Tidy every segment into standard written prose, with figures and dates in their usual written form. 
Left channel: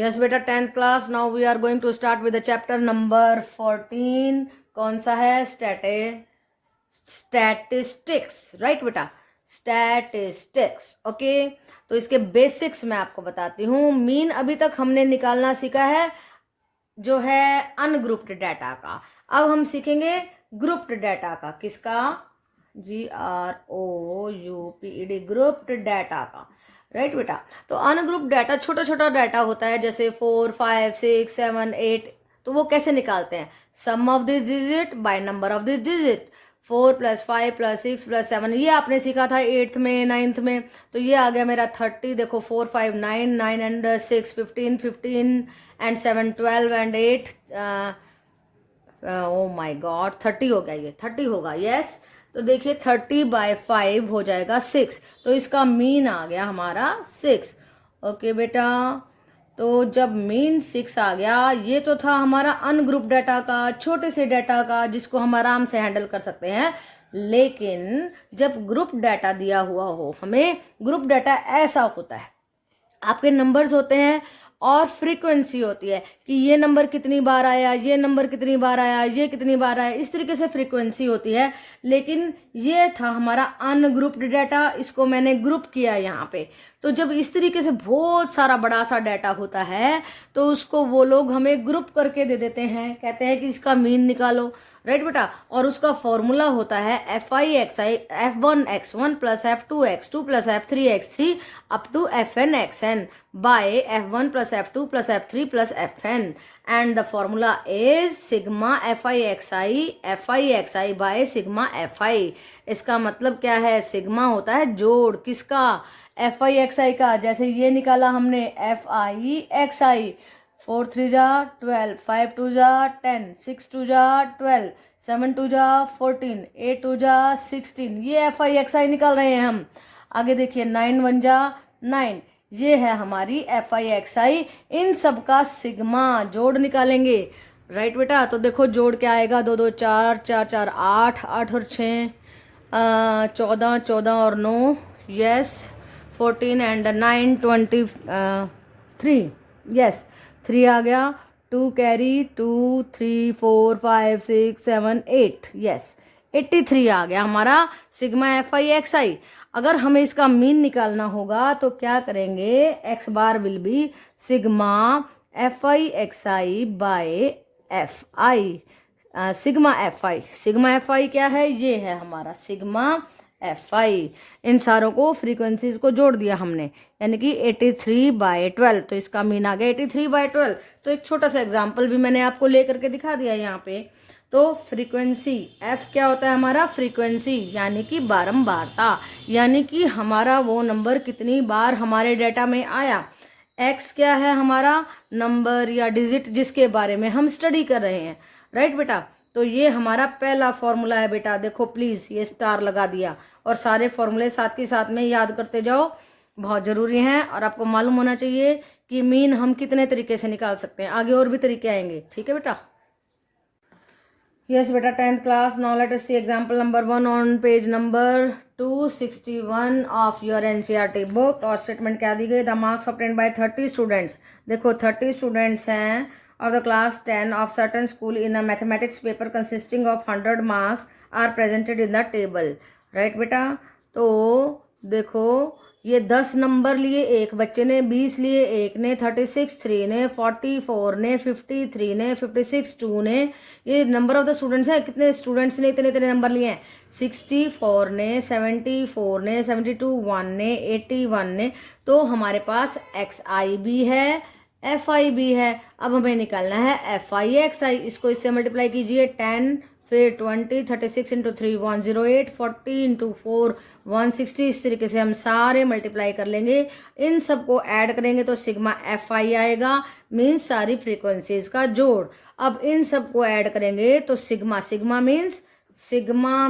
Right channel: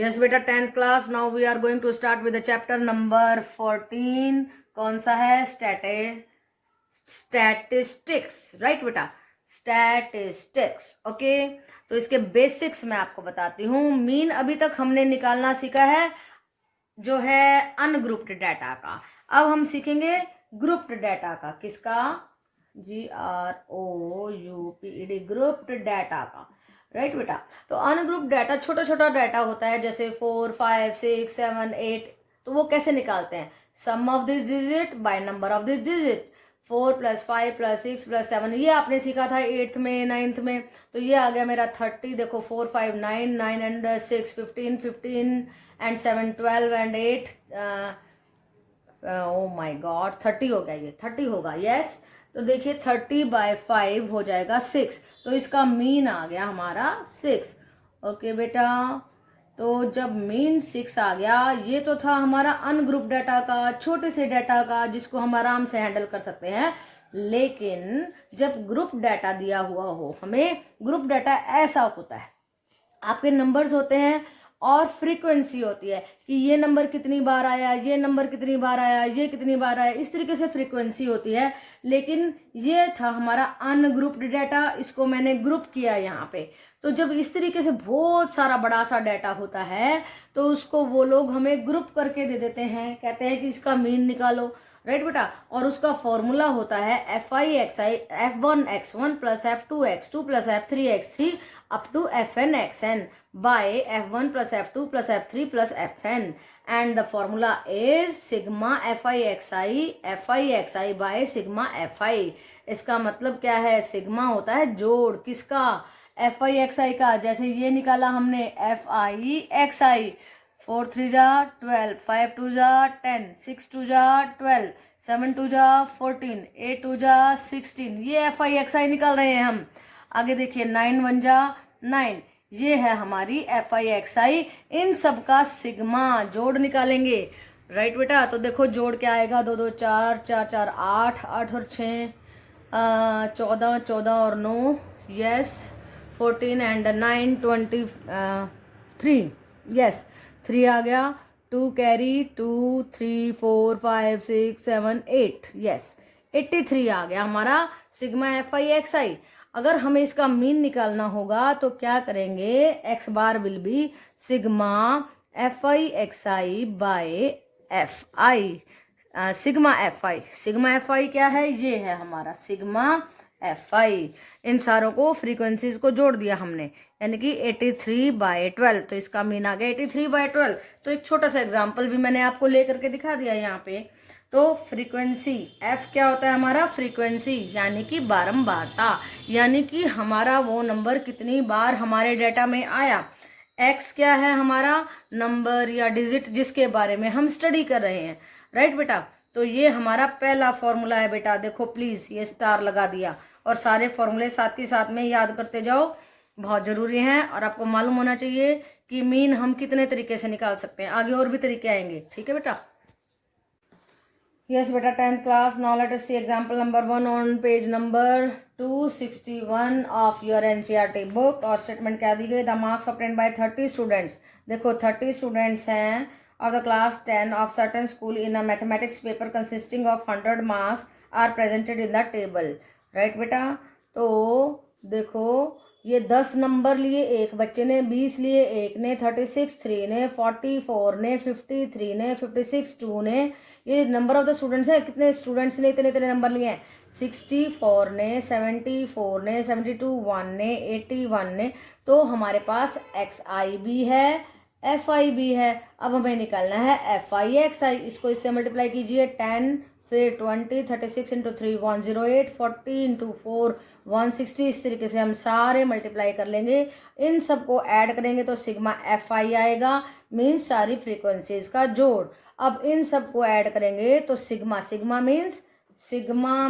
Yes बेटा, 10th class. Now we are going to start with the chapter number 14। कौन सा है? Statistics. Right बेटा, स्टैटिस्टिक्स। ओके, तो इसके बेसिक्स मैं आपको बताती हूँ। मीन अभी तक हमने निकालना सीखा है जो है अनग्रुप्ड डाटा का। अब हम सीखेंगे ग्रुप्ड डाटा का। किसका? GROUPED, ग्रुप्ड डाटा का। राइट बेटा, तो अनग्रुप डाटा छोटा छोटा डाटा होता है, जैसे 4, 5, 6, 7, 8। तो वो कैसे निकालते हैं? Sum of this digit by number of this digit. 4 + 5 + 6 + 7, ये आपने सीखा था 8th में, 9th में। तो ये आ गया मेरा 30। देखो 4, 5, 9, 9 and 6 15, 15 and 7 12 and 8 oh my God 30 हो गया। ये 30 होगा। यस, तो देखिए 30/5 हो जाएगा 6। तो इसका मीन आ गया हमारा 6। ओके बेटा, तो जब मीन 6 आ गया, ये तो था हमारा अनग्रुप डाटा का, छोटे से डाटा का, जिसको हम आराम से हैंडल कर सकते हैं। लेकिन जब ग्रुप डाटा दिया हुआ हो हमें, ग्रुप डाटा ऐसा होता है, आपके नंबर्स होते हैं और फ्रीक्वेंसी होती है कि ये नंबर कितनी बार आया, ये नंबर कितनी बार आया, ये कितनी बार आया, इस तरीके से फ्रीक्वेंसी होती है। लेकिन ये था हमारा अनग्रुप्ड डाटा, इसको मैंने ग्रुप किया यहाँ पे। तो जब इस तरीके से बहुत सारा बड़ा सा डाटा होता है तो उसको वो लोग हमें ग्रुप करके दे देते हैं, कहते हैं कि इसका मीन निकालो। राइट बेटा, और उसका फॉर्मूला होता है FIXI F1x1 + F2x2 + F3x3 up to FNxn by F1 + F2 + F3 + Fn, and the formula is sigma FIXI by sigma FI। इसका मतलब क्या है? सिग्मा होता है जोड़। किसका? FIXI का। जैसे ये निकाला हमने FIXI, 4 3 जा 12, 5 2 जा 10, 6 2 जा 12, 7 2 जा 14, 8 2 जा 16। ये FIXI निकाल रहे हैं हम। आगे देखिए 9 1 जा 9, ये है हमारी FIXI। इन सब का सिग्मा जोड़ निकालेंगे। राइट बेटा, तो देखो जोड़ क्या आएगा? 2 2 4 4 4 8 8 और 6 14 14 और 9, यस 14 and 9 23। यस, 3 आ गया, 2 कैरी 2 3 4 5 6 7 8, यस 83 आ गया हमारा सिग्मा FIXI। अगर हमें इसका मीन निकालना होगा तो क्या करेंगे? x bar will be sigma FIXI by FI। Sigma FI क्या है? ये है हमारा सिग्मा FI। इन सारों को फ्रीक्वेंसीज को जोड़ दिया हमने, यानी कि 83/12। तो इसका मीन आ गया 83/12। तो एक छोटा सा एग्जांपल भी मैंने आपको लेकर के दिखा दिया यहाँ पे। तो फ्रीक्वेंसी F क्या होता है हमारा? फ्रीक्वेंसी यानी कि बारंबारता, यानी कि हमारा वो नंबर कितनी बार हमारे डाटा में आया। X क्या है? हमारा नंबर या डिजिट जिसके बारे में हम स्टडी कर रहे हैं। राइट बेटा, तो ये हमारा पहला फॉर्मूला है बेटा। देखो प्लीज, ये स्टार लगा दिया, और सारे फॉर्मूले साथ के साथ में याद करते जाओ, बहुत जरूरी हैं। और आपको मालूम होना चाहिए कि मीन हम कितने तरीके से निकाल सकते हैं। आगे और भी तरीके आएंगे, ठीक है बेटा। यस बेटा, 10th class. Now let us see example number 1 on page number 261 of your NCERT book. और स्टेटमेंट क्या दी गई? The marks obtained by 30 students. देखो 30 स्टूडेंट्स हैं of the class 10 of certain school in a mathematics paper consisting of 100 marks are presented in the table। right बेटा, तो देखो ये 10 नंबर लिए एक बच्चे ने, 20 लिए एक ने, 36 3 ने, 44 ने, 53 ने, 56 2 ने। ये नंबर ऑफ द स्टूडेंट्स है। कितने स्टूडेंट्स ने इतने इतने नंबर लिए हैं? 64 ने, 74 ने, 72 1 ने, 81 ने। तो हमारे पास XI भी है, FI भी है। अब हमें निकालना है FIXI। इसको इससे मल्टीप्लाई कीजिए, 10 फिर 20, 36 × 3 108, 40 × 4 160। इस तरीके से हम सारे मल्टीप्लाई कर लेंगे। इन सबको ऐड करेंगे तो सिग्मा FI आएगा, मीन्स सारी फ्रीक्वेंसीज का जोड़। अब इन सबको ऐड करेंगे तो सिग्मा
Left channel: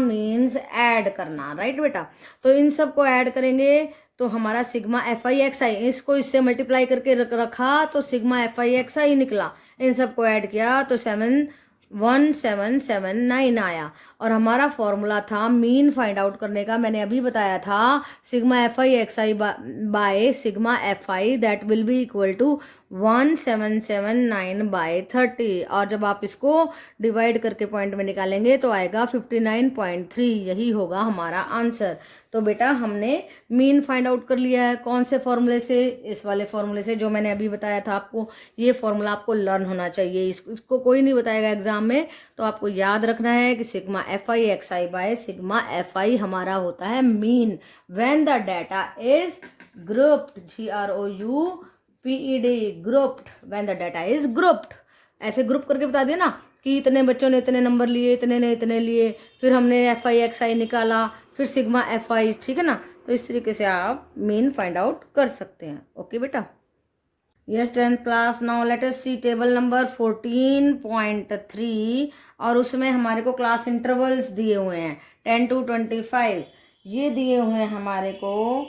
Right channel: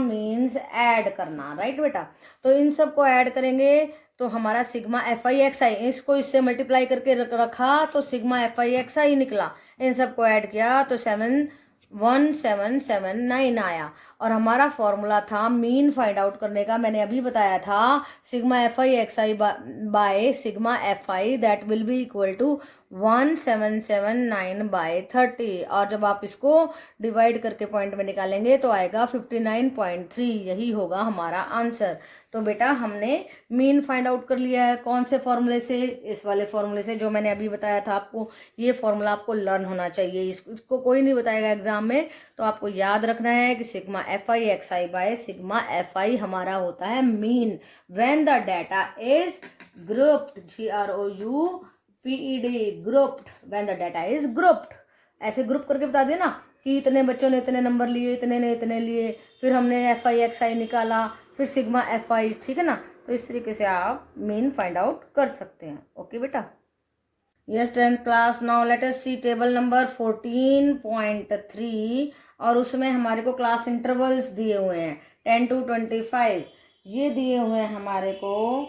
मीन्स ऐड करना। राइट बेटा, तो इन सबको ऐड करेंगे तो हमारा सिग्मा FIXI, इसको इससे मल्टीप्लाई करके रखा तो सिग्मा FIXI निकला। इन सबको ऐड किया तो 71779 आया। और हमारा फॉर्मूला था मीन फाइंड आउट करने का, मैंने अभी बताया था sigma F I X I by sigma F I that will be equal to 1779/30। और जब आप इसको डिवाइड करके पॉइंट में निकालेंगे तो आएगा 59.3, यही होगा हमारा आंसर। तो बेटा हमने मीन फाइंड आउट कर लिया है। कौन से फॉर्मूले से? इस वाले फॉर्मूले से जो मैंने अभी बताया था आपको। ये फॉर्मूला आपको लर्न होना चाहिए, इसको कोई नहीं बताएगा एग्जाम में, तो आपको याद रखना है कि sigma F I X I by sigma F आई हमारा होता है mean when the data is grouped, GROUPED, grouped, when the data is grouped. ऐसे ग्रुप करके बता दिया ना कि इतने बच्चों ने इतने नंबर लिए, इतने ने इतने लिए, फिर हमने एफ आई एक्स आई निकाला, फिर सिग्मा एफ आई, ठीक है ना। तो इस तरीके से आप मीन फाइंड आउट कर सकते हैं। ओके बेटा। Yes 10th class, now let us see table number 14.3 और उसमें हमारे को क्लास इंटरवल्स दिए हुए हैं 10 to 25। ये दिए हुए हैं हमारे को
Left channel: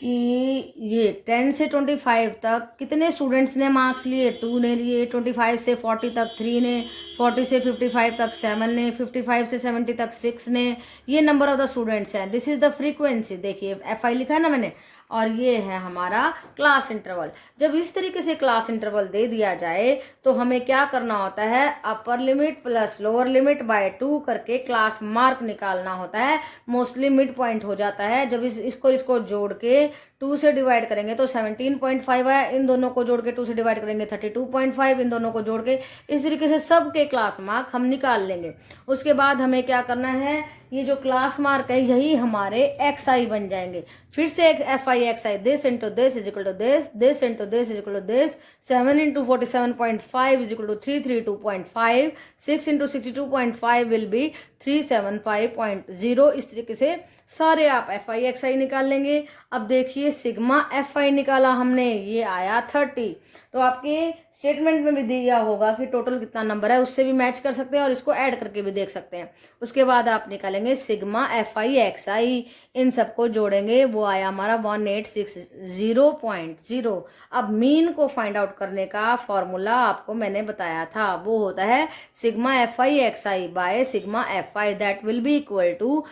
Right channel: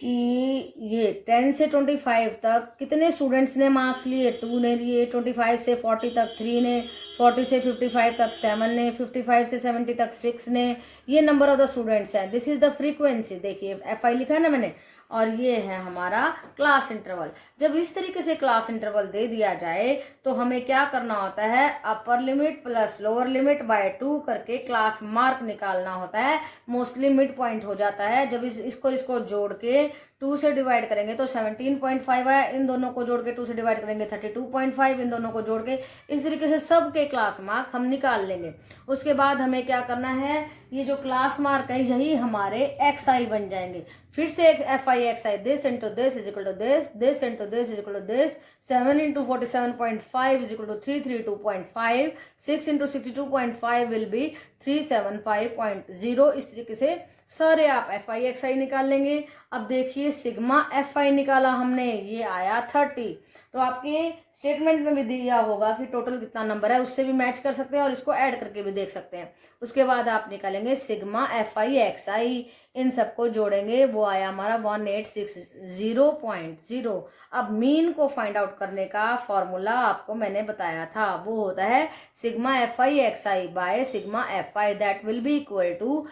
कि ये 10 से 25 तक कितने स्टूडेंट्स ने मार्क्स लिए, 2 ने लिए, 25 से 40 तक 3 ने, 40 से 55 तक 7 ने, 55 से 70 तक 6 ने। ये नंबर ऑफ द स्टूडेंट्स है। दिस इज द फ्रीक्वेंसी, देखिए एफ आई लिखा है ना मैंने, और ये है हमारा क्लास इंटरवल। जब इस तरीके से क्लास इंटरवल दे दिया जाए तो हमें क्या करना होता है, upper limit plus lower limit by 2 करके क्लास मार्क निकालना होता है। मोस्टली मिड पॉइंट हो जाता है। जब इसको जोड़ के 2 से डिवाइड करेंगे तो 17.5 आया, इन दोनों को जोड़ के 2 से डिवाइड करेंगे 32.5, इन दोनों को जोड़ के इस तरीके से सबके क्लास मार्क हम निकाल लेंगे। उसके बाद हमें क्या करना है, ये जो क्लास मार्क है यही हमारे एक्स आई बन जाएंगे। फिर से एक F I X I, this into this is equal to this, this into this is equal to this, 7 into 47.5 is equal to 332.5, 6 into 62.5 will be 375.0। इस तरीके से सारे आप एफ आई एक्स आई निकाल लेंगे। अब देखिए सिग्मा एफ आई निकाला हमने, ये आया 30। तो आपके स्टेटमेंट में भी दिया होगा कि टोटल कितना नंबर है, उससे भी मैच कर सकते हैं और इसको ऐड करके भी देख सकते हैं। उसके बाद आप निकालेंगे सिग्मा एफ आई एक्स आई, इन सबको जोड़ेंगे, वो आया हमारा 1860.0। अब मीन को फाइंड आउट करने का फॉर्मूला आपको मैंने बताया था, वो होता है sigma F I X I by sigma F I that will be equal to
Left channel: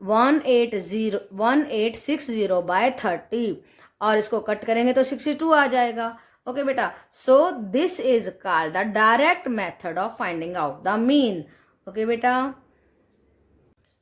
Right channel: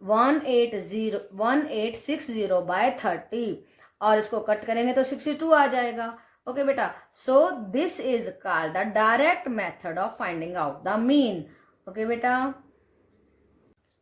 1860/30 और इसको कट करेंगे तो 62 आ जाएगा। ओके बेटा, so this is called the direct method of finding out the mean. Okay बेटा।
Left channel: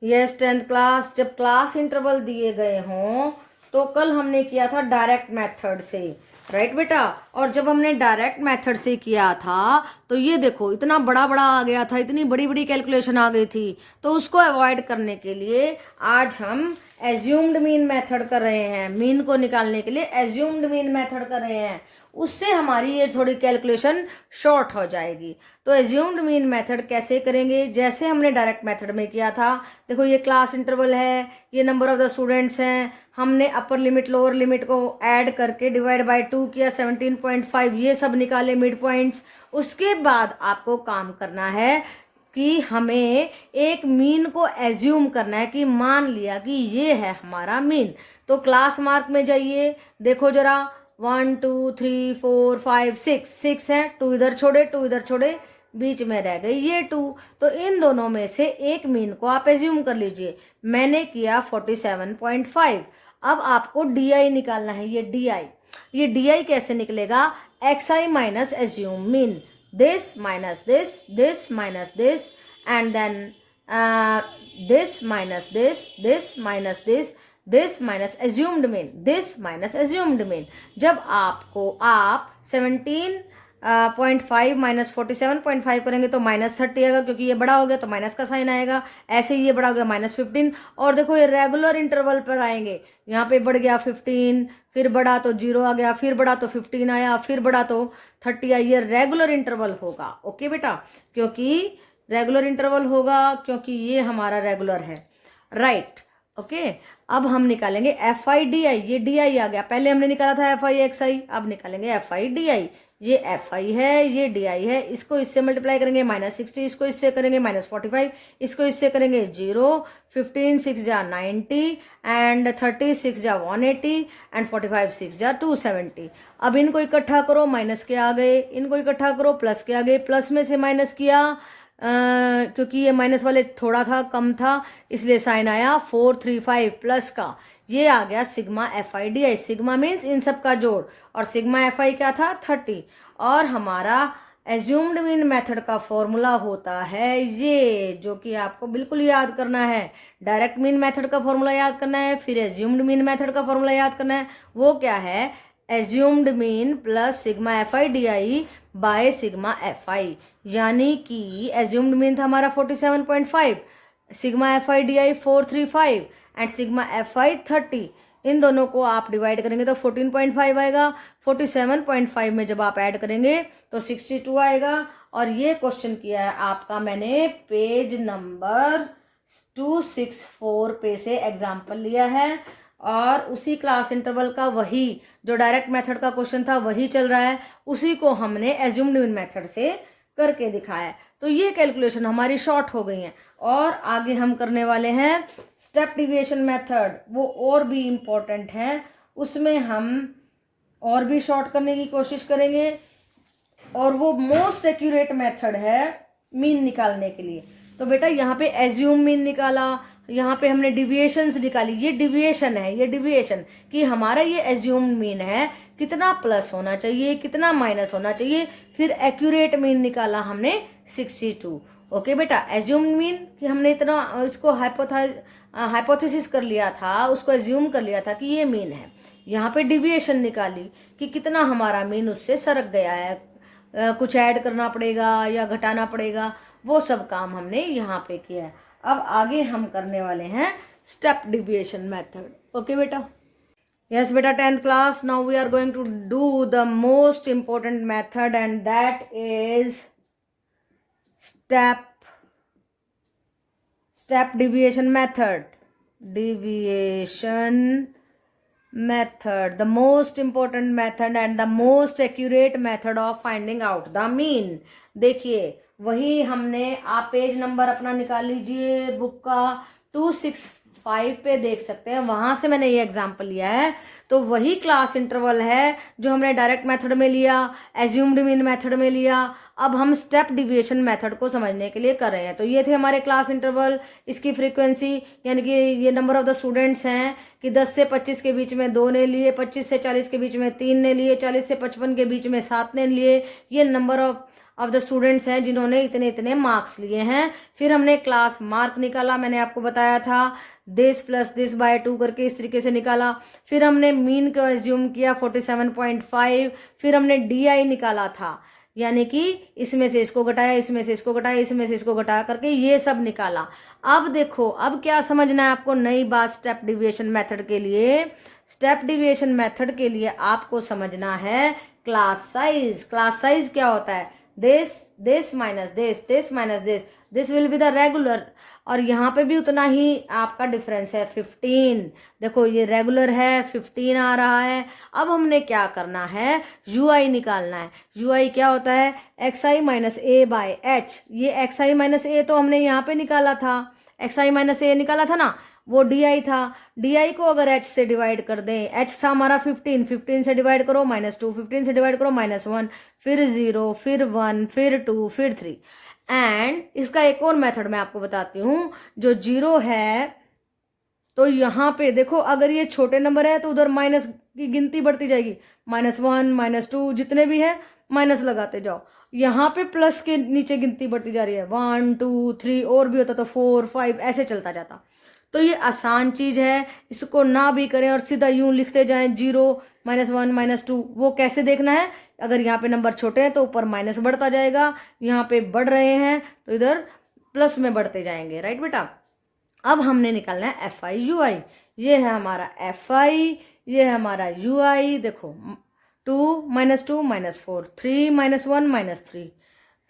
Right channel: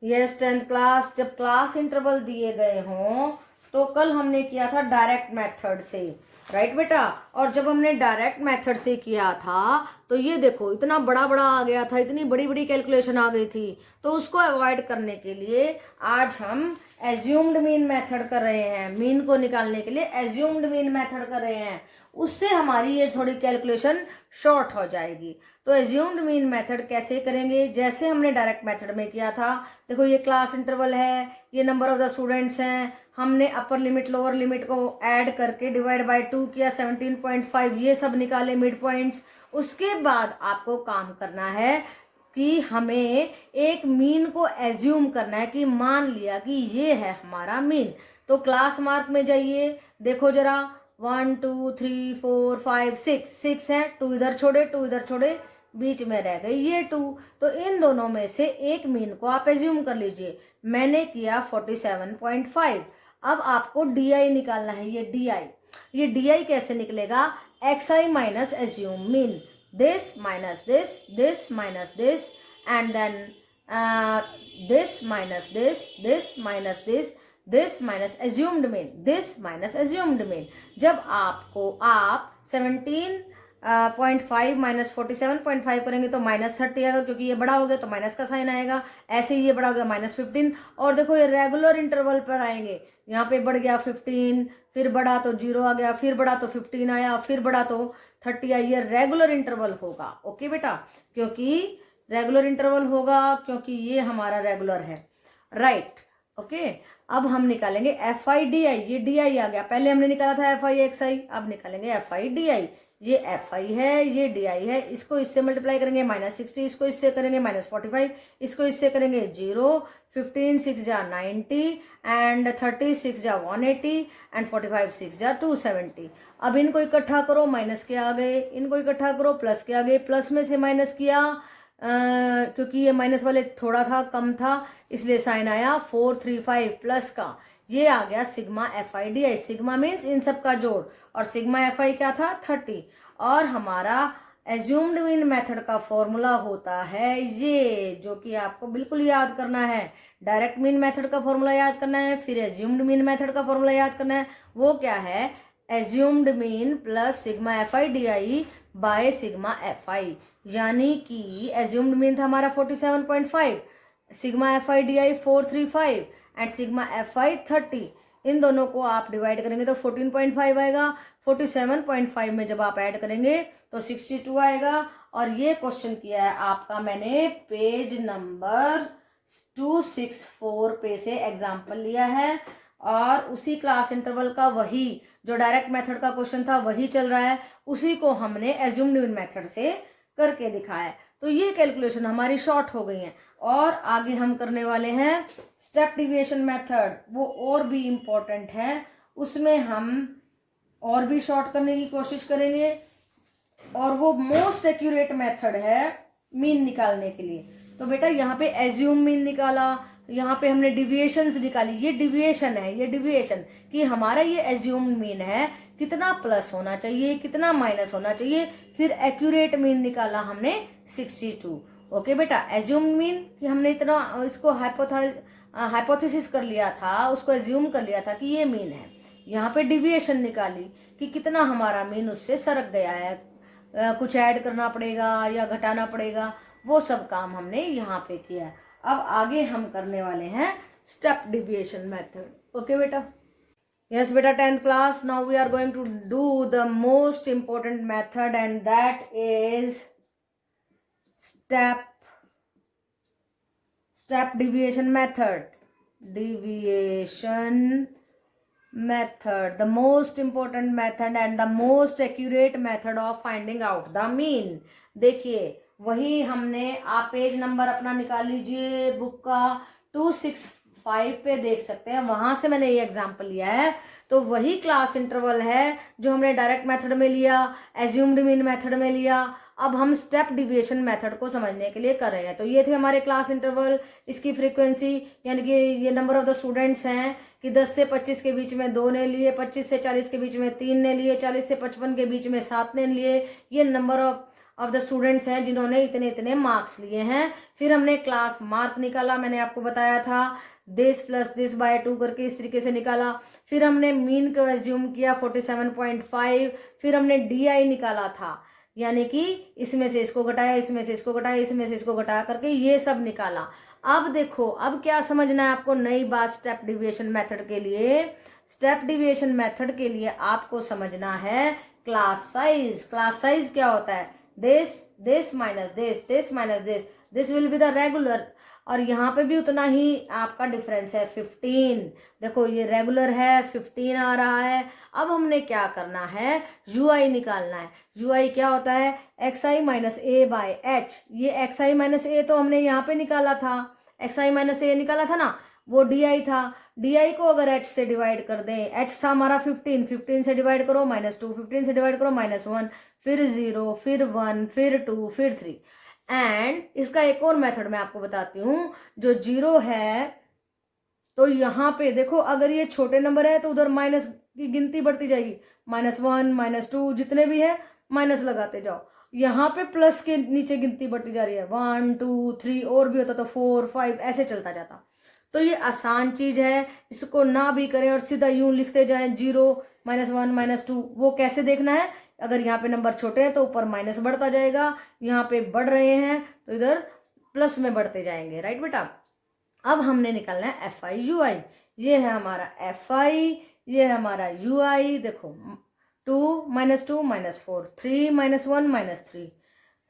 यस 10th क्लास, जब class interval दिए गए हों तो कल हमने किया था डायरेक्ट मेथड से, राइट बेटा। और जब हमने डायरेक्ट मेथड से किया था तो ये देखो इतना बड़ा बड़ा आ गया था, इतनी बड़ी बड़ी कैलकुलेशन आ गई थी। तो उसको अवॉइड करने के लिए आज हम एज्यूम्ड मीन मेथड कर रहे हैं। मीन को निकालने के लिए एज्यूम्ड मीन मेथड कर रहे हैं, उससे हमारी ये थोड़ी कैलकुलेशन शॉर्ट हो जाएगी। तो एज्यूम्ड मीन मेथड कैसे करेंगे, जैसे हमने डायरेक्ट मेथड में किया था। देखो ये क्लास इंटरवल है, ये नंबर ऑफ द स्टूडेंट्स हैं, हमने अपर लिमिट लोअर लिमिट को ऐड करके डिवाइड बाय 2 किया, 17.5 ये सब निकाले मिड पॉइंट्स। उसके बाद आपको काम करना है कि हमें एक मीन को एज्यूम करना है, कि मान लिया कि ये है हमारा मीन। तो क्लास मार्क में जाइए, देखो जरा 1 2 3 4 5 6 है, 2 इधर छोड़े 2 इधर छोड़े, बीच में रह गई ये 2। तो इन दोनों में से एक मीन को आप एज्यूम कर लीजिए। मैंने किया 47.5। अब आपको DI निकालना है, ये DI कैसे निकलेगा, XI minus assume mean, this minus this minus this, and then this minus this minus this minus assumed mean, this minus assumed mean। जब आप 17.5 माइनस 47.5 करेंगे तो -30 आएगा, क्योंकि ये बड़ा हो गया तो माइनस का साइन आएगा। ऐसे ही ये बड़ा हो गया -15। और देखो ये रेगुलर इंटरवल पर आएंगे, यहाँ पे बढ़ गया 15, फिर बढ़ा तो 0 आ गया, फिर बढ़ा तो 15 आया, फिर बढ़ा तो 30 आई। ये रेगुलर इंटरवल होगा। ओके बेटा, क्योंकि रेगुलर इंटरवल होगा क्योंकि ये हमारा रेगुलर है, राइट। ओके, अब हम निकालेंगे एफ आई डी आई। ये डी आई आ गया, पहले हमने निकाला था एफ आई एक्स आई, अब निकालेंगे एफ आई डी आई। ये एफ आई है, ये डी आई है, इसको इससे मल्टीप्लाई करेंगे -60, इसको इससे करेंगे -45, इसको इससे करेंगे 0, 15 6 जा 90 एंड 30 6 जा 180 एंड 45 6 जा 270। अब इनको इकट्ठा करो, माइनस के आ गए, इनको इकट्ठा करो, प्लस के आ गए, प्लस में से माइनस किया क्योंकि ये माइनस वाले थोड़ा था, कम था, इसलिए साइन आया 435 प्लस का, ये आ गया sigma F I D I. Sigma means in सब का जोड़, और सिग्मा एफ आई क्या था 30। और हमारा एज्यूम्ड मीन मेथड का फॉर्मूला होता है ये, जो कि आपको बिल्कुल याद करना है। डायरेक्ट मीन मेथड का फॉर्मूला याद करना है, फिर एज्यूम्ड मीन मेथड का फॉर्मूला याद करना है। वो क्या है, assumed mean plus sigma F I D I by sigma F आई। यानी कि एज्यूम्ड मीन था हमारा 47.5, sigma F I D I 435 and sigma F आई 30। इन दोनों को आप डिवाइड करेंगे तो 14.5 आएगा। 47.5 में जब आप ऐड करेंगे तो 62 आएगा। और ये क्वेश्चन किया है आपका मैंने पेज नंबर 264 पे से एग्जाम्पल लिया है, और उसी क्लास इंटरवल का वही जो डायरेक्ट मेथड का क्वेश्चन था वही चल रहा है, उसी को हमने एज्यूम्ड मीन मेथड से करके दिखाया है। तो ये कैलकुलेशन हमारी शॉर्ट हो गई है। और आगे हम करने वाले हैं स्टेप डिविएशन मेथड, वो और भी इम्पोर्टेंट है, उसमें हम और भी शॉर्ट करने की कोशिश करेंगे, और वो मोस्ट एक्यूरेट मेथड है मीन निकालने के लिए। तो बेटा यहाँ पे एज्यूम मीन निकाला, यहाँ पे हमने डिविएशंस निकाली, ये डिविएशन है, ये डिविएशन कि हमारा ये एज्यूम मीन है, कितना प्लस होना चाहिए, कितना माइनस होना चाहिए। फिर एक्यूरेट मीन निकाला हमने 62। ओके बेटा, एज्यूम मीन कि हमने इतना इसको हाइपोथेसिस कर लिया था, उसको एज्यूम कर लिया था कि ये मीन है। यहाँ पे डिविएशन निकाली कि कितना हमारा मीन उससे सरक गया है, कुछ ऐड करना पड़ेगा या घटाना पड़ेगा, वो सब काम हमने यहाँ पे किया है। अब आगे हम करने वाले हैं स्टेप डिविएशन मेथड। ओके बेटा, यस बेटा 10th class, now we are going to do the most important method and that is step deviation method. Deviation method, the most important method and the most accurate method of finding out the mean. देखिए वही हमने, आप page number अपना निकाल लीजिए book का, 265 पे देख सकते हैं, वहां से मैंने ये एग्जांपल लिया है। तो वही क्लास इंटरवल है जो हमने डायरेक्ट मेथड में लिया, एज्यूम्ड मीन मेथड में लिया। अब हम स्टेप डिविएशन मेथड को समझने के लिए कर रहे हैं। तो ये थे हमारे क्लास इंटरवल, इसकी फ्रीक्वेंसी, यानी कि ये नंबर ऑफ द स्टूडेंट्स हैं कि 10 से 25 के बीच में 2 ने लिए, 25 से 40 के बीच में 3 ने लिए, 40 से 55 के बीच में 7 ने लिए। ये नंबर ऑफ द स्टूडेंट्स हैं जिन्होंने इतने इतने मार्क्स लिए हैं। फिर हमने क्लास मार्क निकाला, मैंने आपको बताया था, दिस प्लस दिस बाय 2 करके इस तरीके से निकाला। फिर हमने मीन को एज्यूम किया 47.5। फिर हमने DI निकाला था, यानी कि इसमें से इसको घटाया, इसमें से इसको घटाया, इसमें से इसको घटाया करके ये सब निकाला। अब देखो, अब क्या समझना है आपको नई बात स्टेप डिविएशन मेथड के लिए। स्टेप डिविएशन मेथड के लिए आपको समझना है क्लास साइज। क्लास साइज क्या होता है, this minus this minus this will be the regular, और यहाँ पे भी उतना ही आपका डिफरेंस है 15। देखो ये रेगुलर है, 15 आ रहा है। अब हमने क्या करना है, UI निकालना है। UI क्या होता है, xi minus a by h। ये xi माइनस a तो हमने यहाँ पे निकाला था, xi माइनस a निकाला था ना, वो DI था। DI को अगर h से डिवाइड कर दें, h था हमारा 15, 15 से डिवाइड करो -2, 15 से डिवाइड करो -1, फिर 0, फिर 1, फिर 2, फिर 3। एंड इसका एक और मेथड मैं आपको बताती हूँ, जो 0 है तो यहाँ पे देखो, अगर ये छोटे नंबर है तो उधर माइनस की गिनती बढ़ती जाएगी, -1, -2 जितने भी है माइनस लगाते जाओ। यहाँ पे प्लस के नीचे गिनती बढ़ती जा रही है, 1, 2, 3, और भी होता तो 4, 5 ऐसे चलता जाता। तो ये आसान चीज है, इसको ना भी करें और सीधा यूं लिखते जाएं 0, -1, -2। वो कैसे देखना है, अगर यहाँ पे नंबर छोटे हैं तो ऊपर माइनस बढ़ता जाएगा, यहाँ पे बढ़ रहे हैं तो इधर प्लस में बढ़ते जाएंगे। राइट बेटा, अब हमने निकालना है FI UI। ये है हमारा FI, ये है हमारा UI। देखो 2 -2 -4, 3 -1 -3,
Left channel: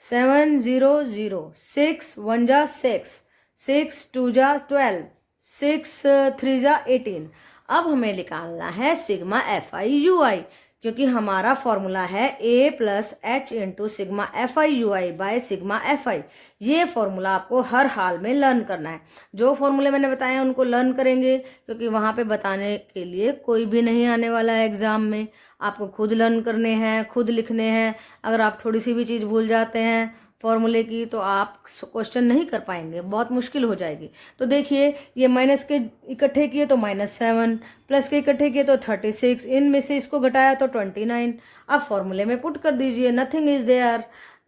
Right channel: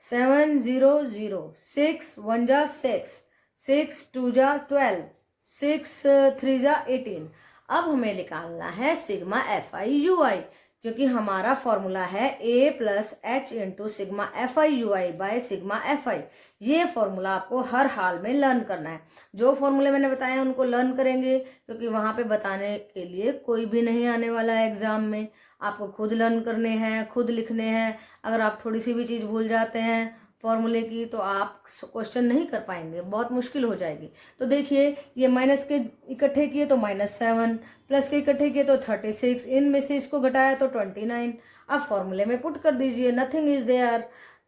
7 0 0, 6 1 जा 6, 6 2 जा 12, 6 3 जा 18। अब हमें निकालना है सिग्मा FI UI, क्योंकि हमारा फॉर्मूला है A plus H into sigma FI UI by sigma FI। ये फॉर्मूला आपको हर हाल में लर्न करना है। जो फॉर्मूले मैंने बताए उनको लर्न करेंगे, क्योंकि वहाँ पे बताने के लिए कोई भी नहीं आने वाला है एग्जाम में। आपको खुद लर्न करने हैं, खुद लिखने हैं। अगर आप थोड़ी सी भी चीज़ भूल जाते हैं फॉर्मूले की तो आप क्वेश्चन नहीं कर पाएंगे, बहुत मुश्किल हो जाएगी। तो देखिए ये माइनस के इकट्ठे किए तो -7, प्लस के इकट्ठे किए तो 36, इनमें से इसको घटाया तो 29। अब फॉर्मूले में पुट कर दीजिए, nothing is there.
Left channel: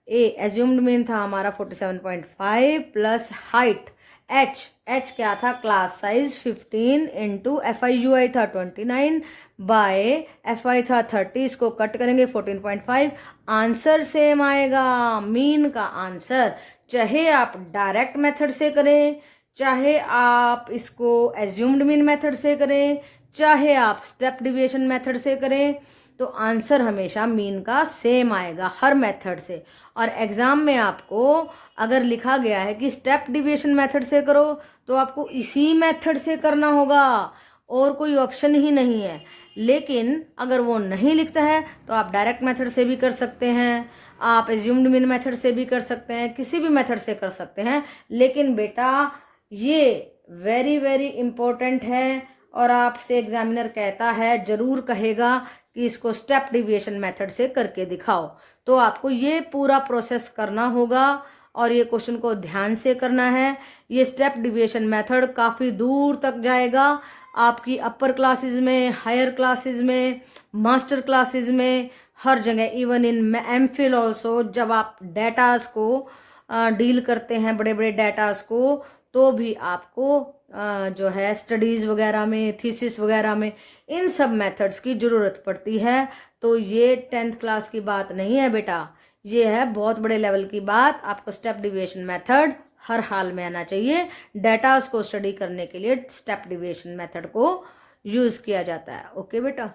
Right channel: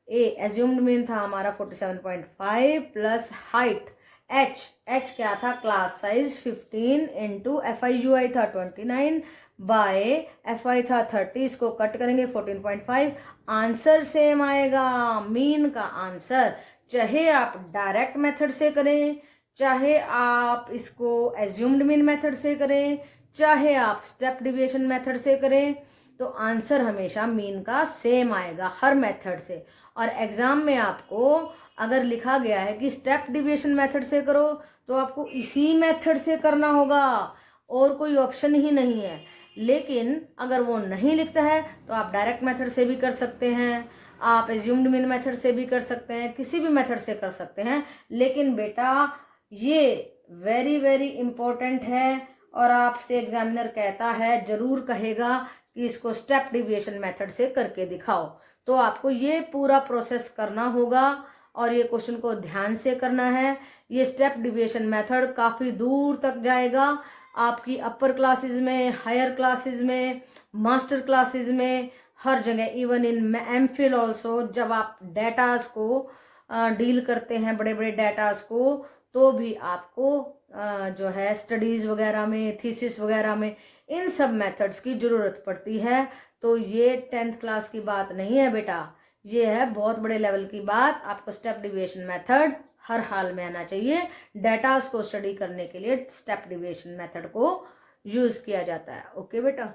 A assumed mean था हमारा 47.5 प्लस हाइट एच क्या था, क्लास साइज 15 इंटू FI था 29 बाय FI था 30, इसको कट करेंगे 14.5, आंसर सेम आएगा। मीन का आंसर चाहे आप डायरेक्ट मेथड से करें, चाहे आप इसको एज्यूम्ड मीन मेथड से करें, चाहे आप स्टेप डिविएशन मेथड से करें, तो आंसर हमेशा मीन का सेम आएगा हर मेथड से। और एग्जाम में आपको अगर लिखा गया है कि स्टेप डिविएशन मेथड से करो तो आपको इसी मेथड से करना होगा, और कोई ऑप्शन ही नहीं है। लेकिन अगर वो नहीं लिखता है तो आप डायरेक्ट मेथड से भी कर सकते हैं, आप एज्यूम्ड मीन मेथड से भी कर सकते हैं, किसी भी मेथड से कर सकते हैं। लेकिन बेटा ये वेरी वेरी इंपॉर्टेंट है, और आपसे एग्जामिनर कहता है, जरूर कहेगा कि इसको स्टेप डिविएशन मेथड से करके दिखाओ। तो आपको ये पूरा प्रोसेस करना होगा और ये क्वेश्चन को ध्यान से करना है। ये स्टेप डिविएशन मेथड काफ़ी दूर तक जाएगा आपकी अपर क्लासेस में, हायर क्लासेस में, मास्टर क्लासेस में, हर जगह, इवन इन एमफिल ऑल्सो। जब आप डेटास को डील करते हैं, बड़े बड़े डेटास को, तो भी आपको जो है स्टडीज़ वगैरह में, थीसिस वगैरह में, इन सब मेथड्स की ज़रूरत पड़ती है। तो ये 10th क्लास की बात नहीं है बेटा, ये है बहुत बड़े लेवल की बात। आपको स्टेप डिविएशन मेथड हर हाल में आना चाहिए। डेटास को स्टडी करने के लिए स्टेप डिविएशन मेथड को यूज़ किया जाता है। ओके बेटा।